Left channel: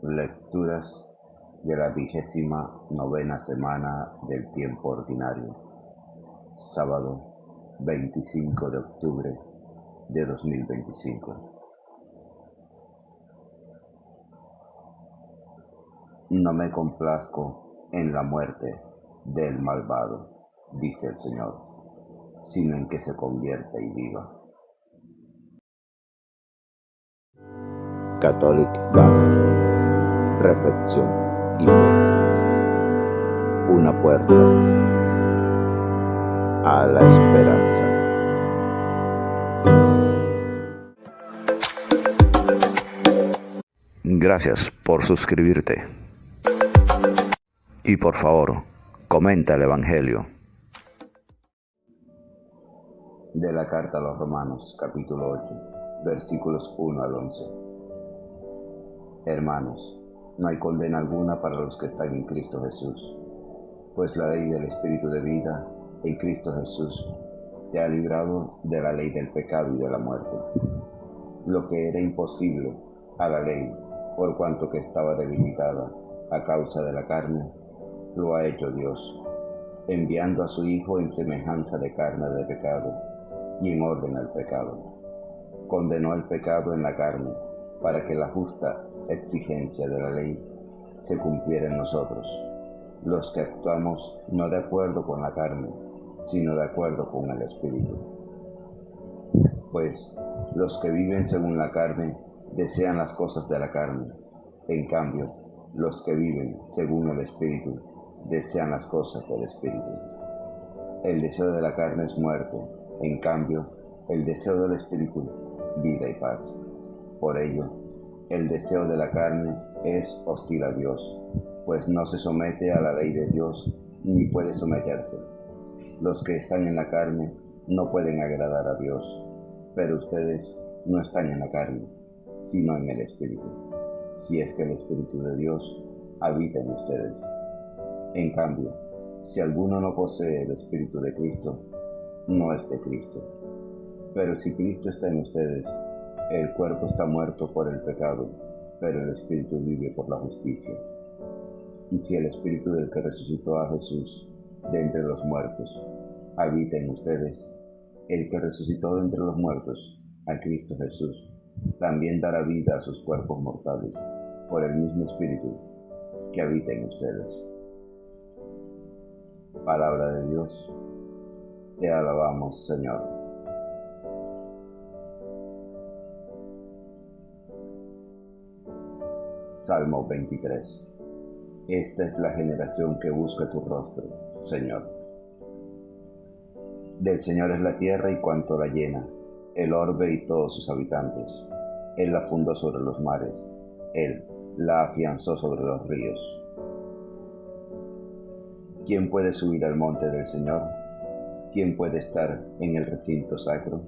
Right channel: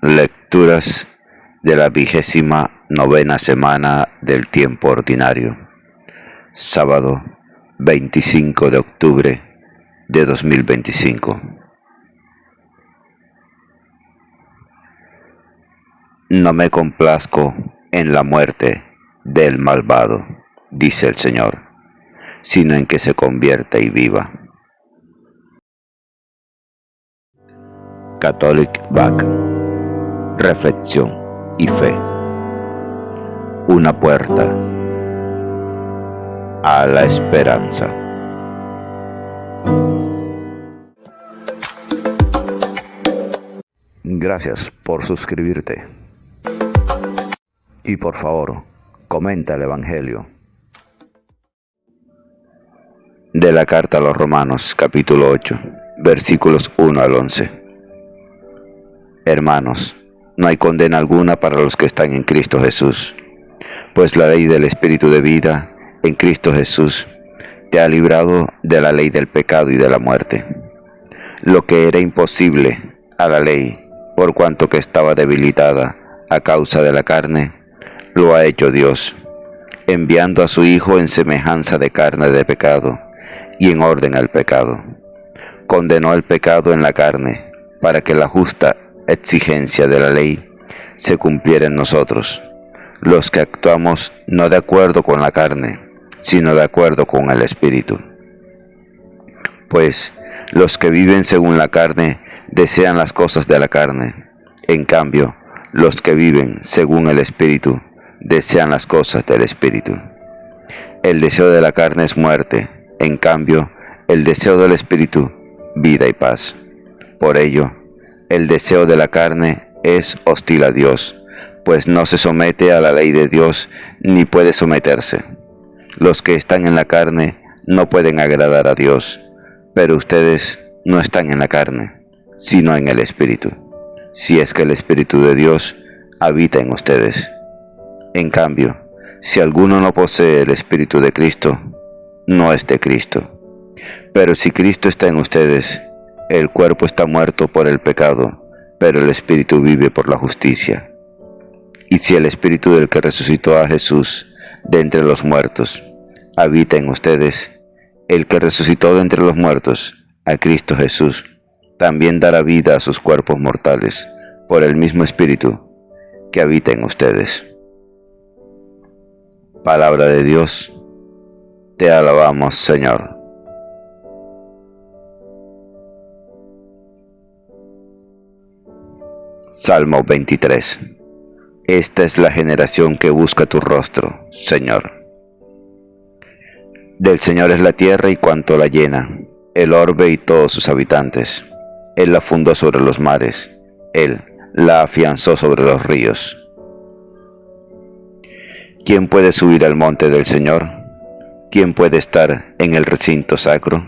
Lecturas de la 29ª semana del tiempo ordinario. Sábado 25 de octubre de 2025. No me complazco en la muerte del malvado, dice el Señor, sino en que se convierta y viva. Catholic Back. Reflexión y fe. Una puerta a la esperanza. Gracias por suscribirte. Y por favor, comenta el Evangelio. De la carta a los Romanos, capítulo 8, versículos 1 al 11. Hermanos, no hay condena alguna para los que están en Cristo Jesús, pues la ley del Espíritu de vida en Cristo Jesús te ha librado de la ley del pecado y de la muerte. Lo que era imposible a la ley, por cuanto que estaba debilitada a causa de la carne, lo ha hecho Dios, enviando a su Hijo en semejanza de carne de pecado y en orden al pecado. Condenó el pecado en la carne, para que la justa exigencia de la ley se cumpliera en nosotros, los que actuamos no de acuerdo con la carne, sino de acuerdo con el Espíritu. Pues los que viven según la carne desean las cosas de la carne, en cambio, los que viven según el Espíritu desean las cosas del Espíritu. El deseo de la carne es muerte, en cambio, el deseo del Espíritu, vida y paz. Por ello, el deseo de la carne es hostil a Dios, pues no se somete a la ley de Dios ni puede someterse. Los que están en la carne no pueden agradar a Dios, pero ustedes no están en la carne, sino en el Espíritu, si es que el Espíritu de Dios habita en ustedes. En cambio, si alguno no posee el Espíritu de Cristo, no es de Cristo. Pero si Cristo está en ustedes, el cuerpo está muerto por el pecado, pero el Espíritu vive por la justicia. Y si el Espíritu del que resucitó a Jesús de entre los muertos habita en ustedes, el que resucitó de entre los muertos a Cristo Jesús también dará vida a sus cuerpos mortales por el mismo Espíritu que habita en ustedes. Palabra de Dios, te alabamos, Señor. Salmo 23. Esta es la generación que busca tu rostro, Señor. Del Señor es la tierra y cuanto la llena, el orbe y todos sus habitantes. Él la fundó sobre los mares, Él la afianzó sobre los ríos. ¿Quién puede subir al monte del Señor? ¿Quién puede estar en el recinto sacro?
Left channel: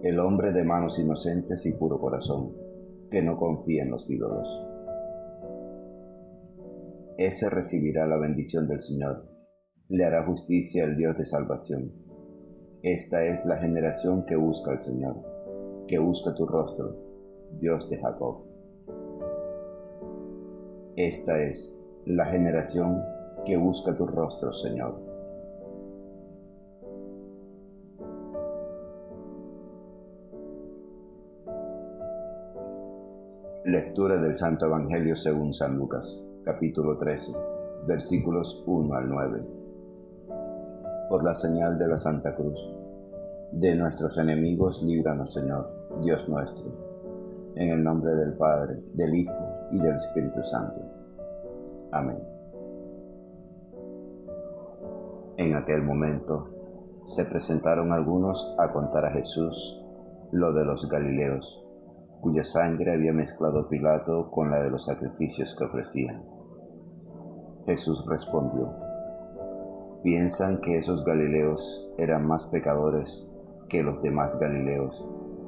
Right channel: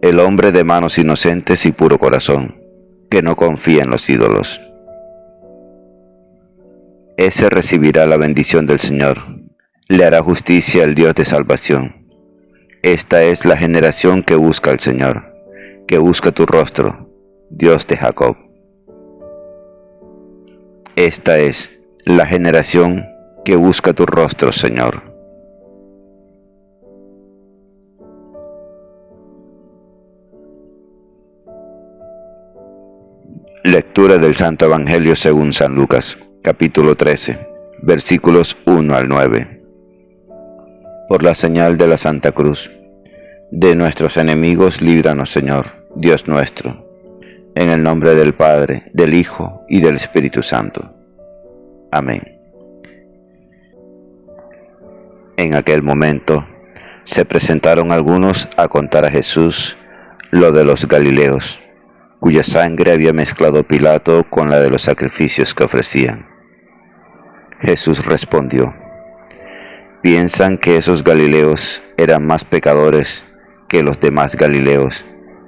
El hombre de manos inocentes y puro corazón, que no confía en los ídolos. Ese recibirá la bendición del Señor, le hará justicia el Dios de salvación. Esta es la generación que busca al Señor, que busca tu rostro, Dios de Jacob. Esta es la generación que busca tu rostro, Señor. Lectura del Santo Evangelio según San Lucas, capítulo 13, versículos 1 al 9. Por la señal de la Santa Cruz, de nuestros enemigos líbranos, Señor, Dios nuestro, en el nombre del Padre, del Hijo y del Espíritu Santo. Amén. En aquel momento se presentaron algunos a contar a Jesús lo de los Galileos, cuya sangre había mezclado Pilato con la de los sacrificios que ofrecían. Jesús respondió: ¿piensan que esos Galileos eran más pecadores que los demás Galileos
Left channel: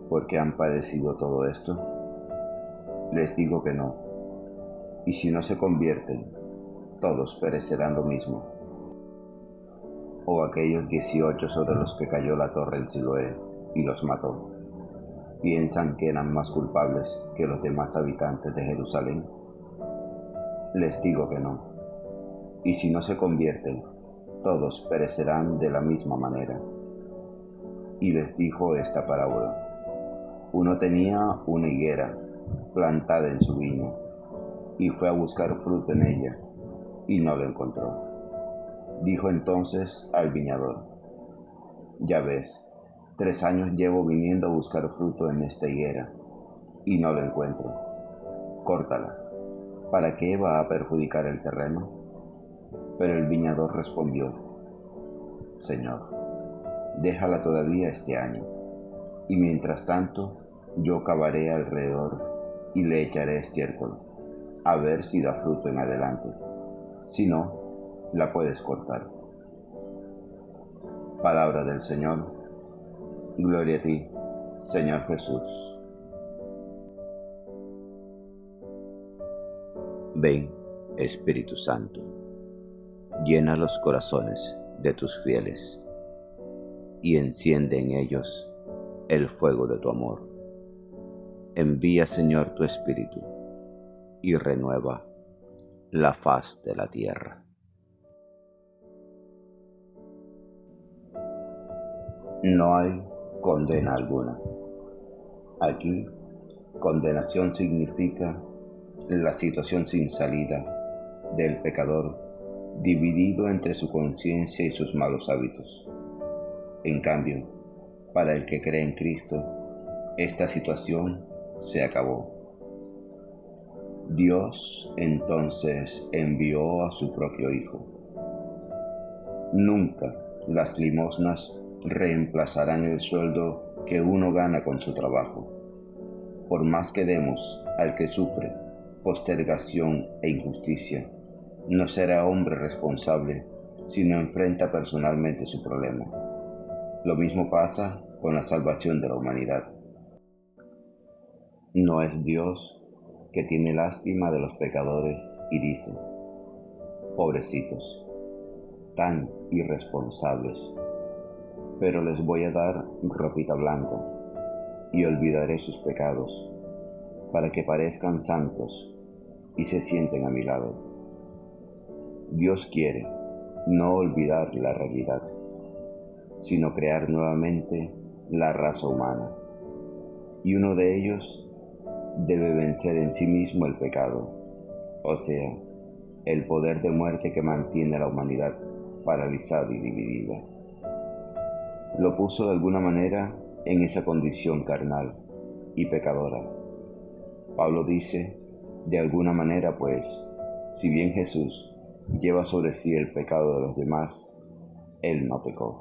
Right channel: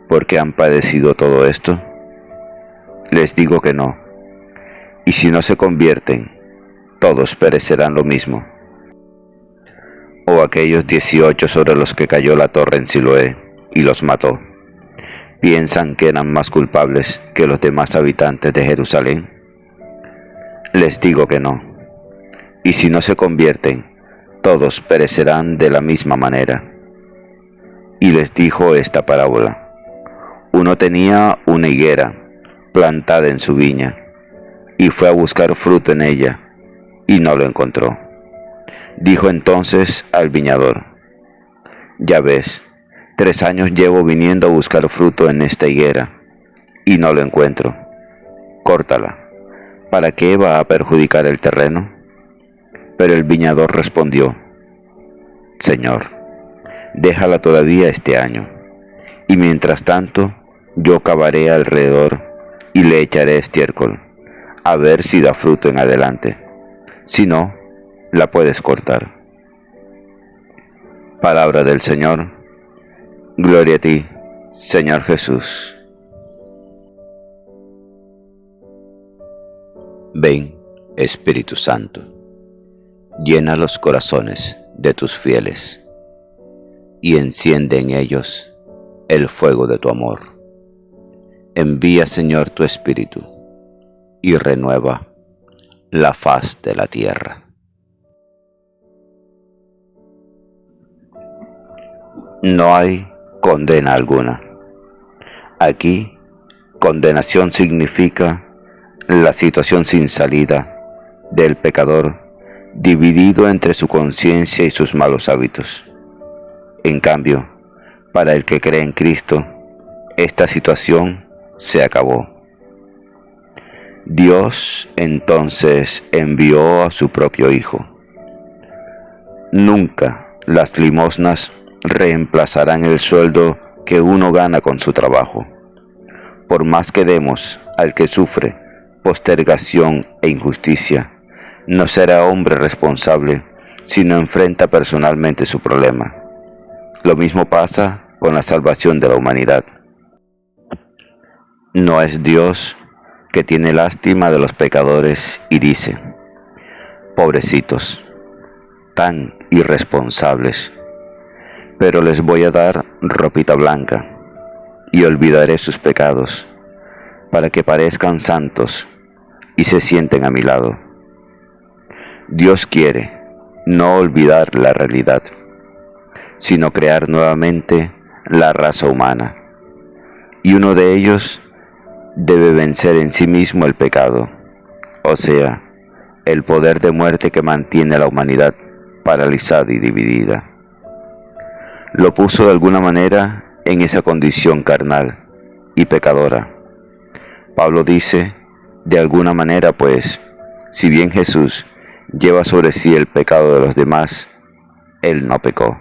porque han padecido todo esto? Les digo que no. Y si no se convierten, todos perecerán lo mismo. O aquellos 18 sobre los que cayó la torre en Siloé y los mató, ¿piensan que eran más culpables que los demás habitantes de Jerusalén? Les digo que no. Y si no se convierten, todos perecerán de la misma manera. Y les dijo esta parábola. Uno tenía una higuera plantada en su viña, y fue a buscar fruto en ella, y no lo encontró. Dijo entonces al viñador: Ya ves, 3 años llevo viniendo a buscar fruto en esta higuera, y no lo encuentro. Córtala. ¿Para qué va a perjudicar el terreno? Pero el viñador respondió: Señor, déjala todavía este año, y mientras tanto yo cavaré alrededor y le echaré estiércol, a ver si da fruto en adelante. Si no, la puedes cortar. Palabra del Señor. Gloria a ti, Señor Jesús. Ven, Espíritu Santo, llena los corazones de tus fieles y enciende en ellos el fuego de tu amor. Envía, Señor, tu Espíritu y renueva la faz de la tierra. No hay condena alguna. Aquí, condenación significa la situación sin salida del pecador, dividido entre su conciencia y sus malos hábitos. En cambio, para el que cree en Cristo, esta situación se acabó. Dios entonces envió a su propio Hijo. Nunca las limosnas reemplazarán el sueldo que uno gana con su trabajo. Por más que demos al que sufre postergación e injusticia, no será hombre responsable si no enfrenta personalmente su problema. Lo mismo pasa con la salvación de la humanidad. No es Dios que tiene lástima de los pecadores y dice: pobrecitos, tan irresponsables, pero les voy a dar ropita blanca y olvidaré sus pecados para que parezcan santos y se sienten a mi lado. Dios quiere no olvidar la realidad, sino crear nuevamente la raza humana, y uno de ellos debe vencer en sí mismo el pecado, o sea, el poder de muerte que mantiene a la humanidad paralizada y dividida. Lo puso de alguna manera en esa condición carnal y pecadora. Pablo dice: de alguna manera, pues, si bien Jesús lleva sobre sí el pecado de los demás, él no pecó.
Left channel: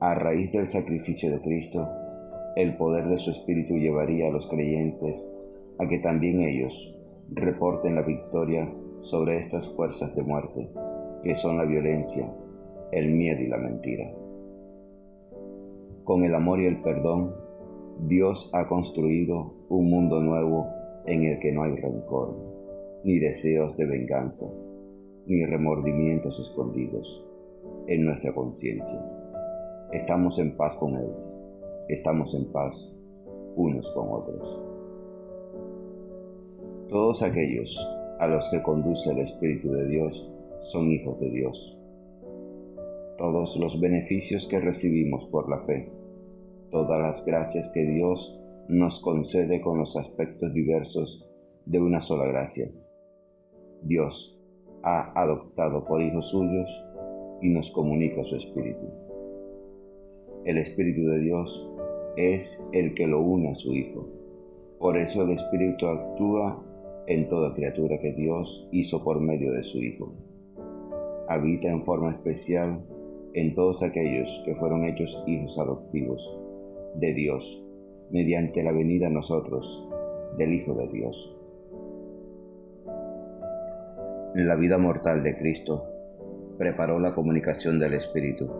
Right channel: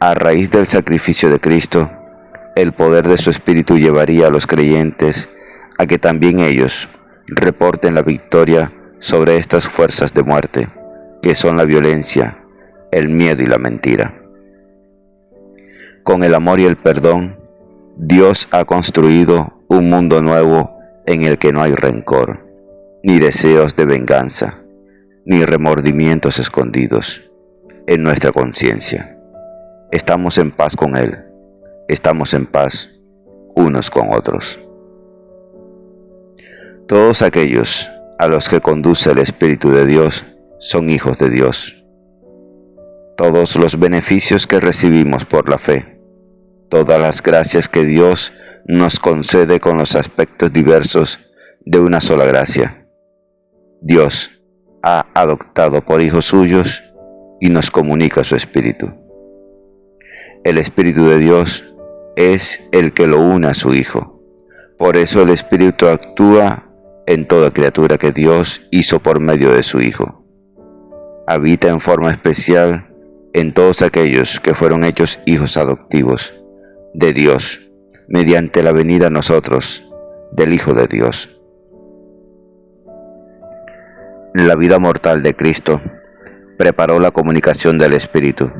A raíz del sacrificio de Cristo, el poder de su Espíritu llevaría a los creyentes a que también ellos reporten la victoria sobre estas fuerzas de muerte, que son la violencia, el miedo y la mentira. Con el amor y el perdón, Dios ha construido un mundo nuevo en el que no hay rencor, ni deseos de venganza, ni remordimientos escondidos en nuestra conciencia. Estamos en paz con Él, estamos en paz unos con otros. Todos aquellos a los que conduce el Espíritu de Dios son hijos de Dios. Todos los beneficios que recibimos por la fe, todas las gracias que Dios nos concede con los aspectos diversos de una sola gracia. Dios ha adoptado por hijos suyos y nos comunica su Espíritu. El Espíritu de Dios es el que lo une a su Hijo. Por eso el Espíritu actúa en toda criatura que Dios hizo por medio de su Hijo. Habita en forma especial en todos aquellos que fueron hechos hijos adoptivos de Dios mediante la venida a nosotros del Hijo de Dios. La vida mortal de Cristo preparó la comunicación del Espíritu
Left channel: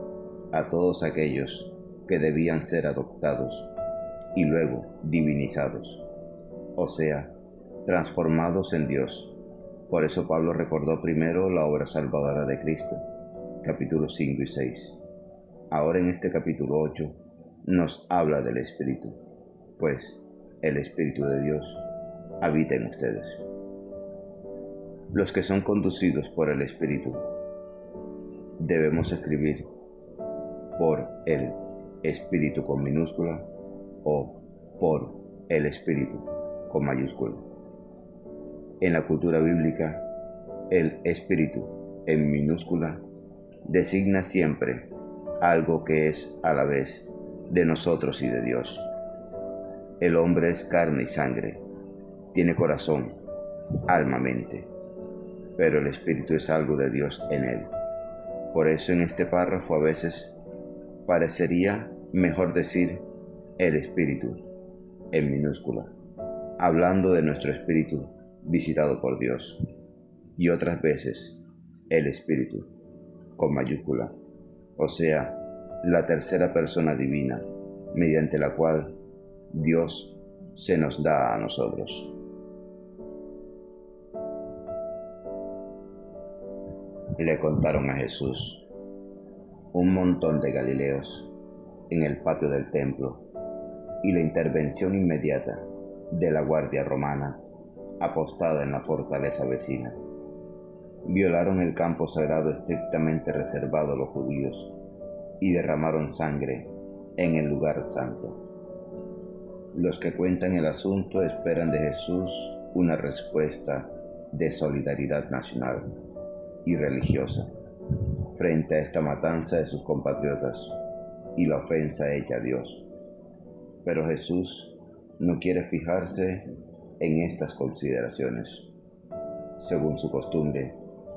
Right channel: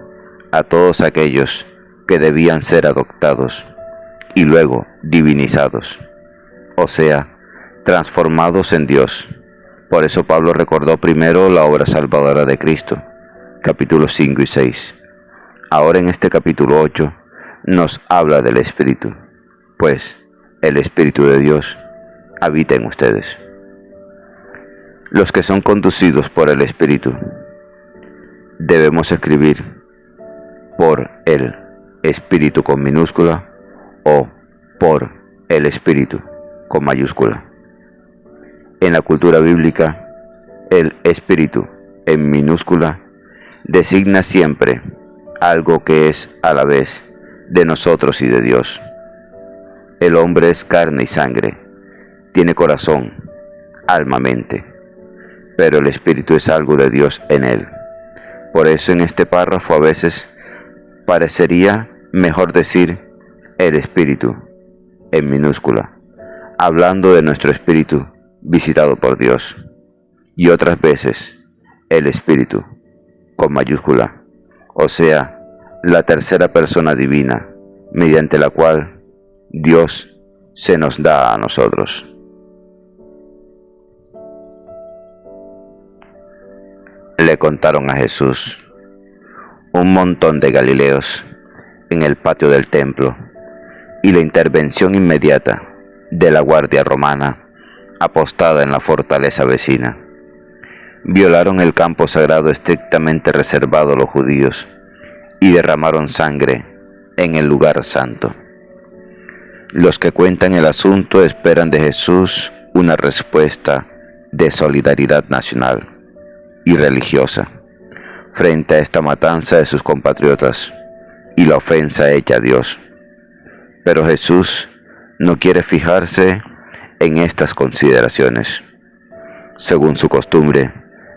a todos aquellos que debían ser adoptados y luego divinizados, o sea, transformados en Dios. Por eso Pablo recordó primero la obra salvadora de Cristo, capítulos 5 y 6. Ahora en este capítulo 8 nos habla del Espíritu, pues el Espíritu de Dios habita en ustedes. los que son conducidos por el Espíritu. Debemos escribir por el Espíritu con minúscula o por el Espíritu con mayúscula. En la cultura bíblica, el Espíritu en minúscula designa siempre algo que es a la vez de nosotros y de Dios. El hombre es carne y sangre, tiene corazón, alma, mente, pero el Espíritu es algo de Dios en él. Por eso en este párrafo a veces parecería mejor decir el Espíritu en minúscula, hablando de nuestro espíritu visitado por Dios, y otras veces el Espíritu con mayúscula, o sea, la tercera persona divina, mediante la cual Dios se nos da a nosotros. Le contaron a Jesús un montón de galileos en el patio del templo y la intervención inmediata de la guardia romana apostada en la fortaleza vecina. Violaron el campo sagrado estrictamente reservado a los judíos y derramaron sangre en el lugar santo. Los que cuentan el asunto esperan de Jesús una respuesta de solidaridad nacional y religiosa frente a esta matanza de sus compatriotas y la ofensa hecha a Dios. Pero Jesús no quiere fijarse en estas consideraciones. Según su costumbre,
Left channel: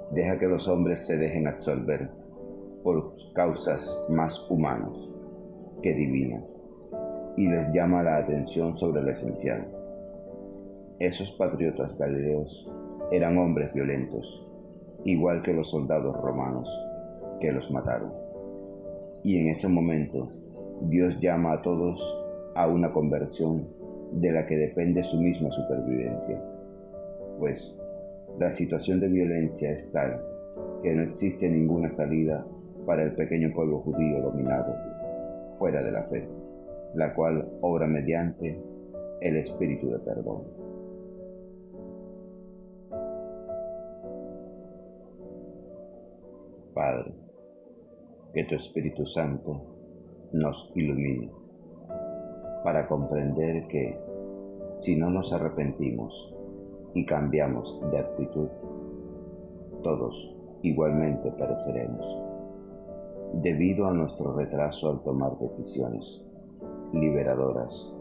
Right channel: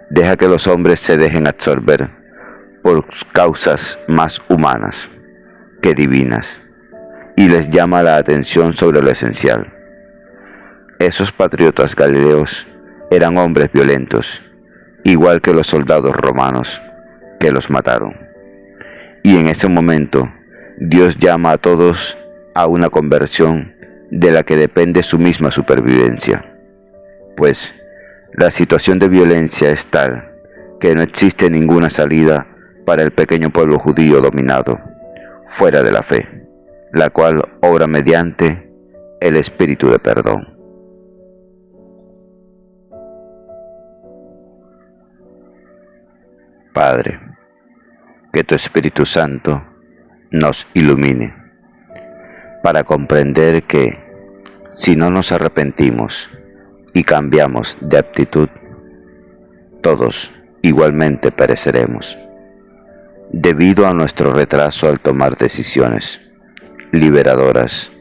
deja que los hombres se dejen absorber por causas más humanas que divinas y les llama la atención sobre lo esencial. Esos patriotas galileos eran hombres violentos, igual que los soldados romanos que los mataron. Y en ese momento, Dios llama a todos a una conversión de la que depende su misma supervivencia, pues la situación de violencia es tal que no existe ninguna salida para el pequeño pueblo judío dominado, fuera de la fe, la cual obra mediante el Espíritu de perdón. Padre, que tu Espíritu Santo nos ilumine para comprender que si no nos arrepentimos y cambiamos de actitud, todos igualmente pereceremos, debido a nuestro retraso al tomar decisiones liberadoras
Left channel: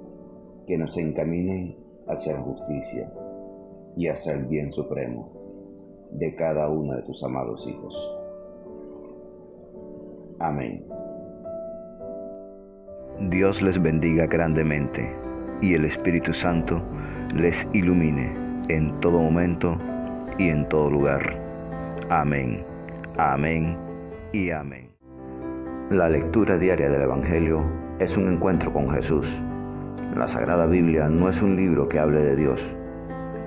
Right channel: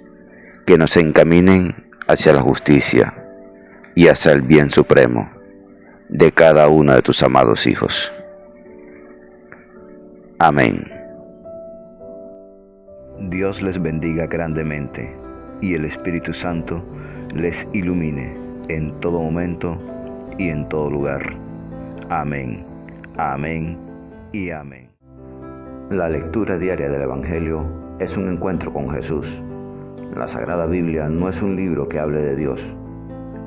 que nos encaminen hacia la justicia y hacia el bien supremo de cada uno de tus amados hijos. Amén. Dios les bendiga grandemente y el Espíritu Santo les ilumine en todo momento y en todo lugar. Amén, amén y amén. La lectura diaria del Evangelio es un encuentro con Jesús. La Sagrada Biblia no es un libro que hable de Dios,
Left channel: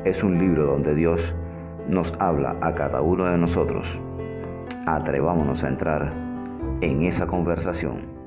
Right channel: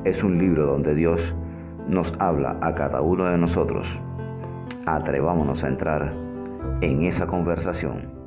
es un libro donde Dios nos habla a cada uno de nosotros. Atrevámonos a entrar en esa conversación.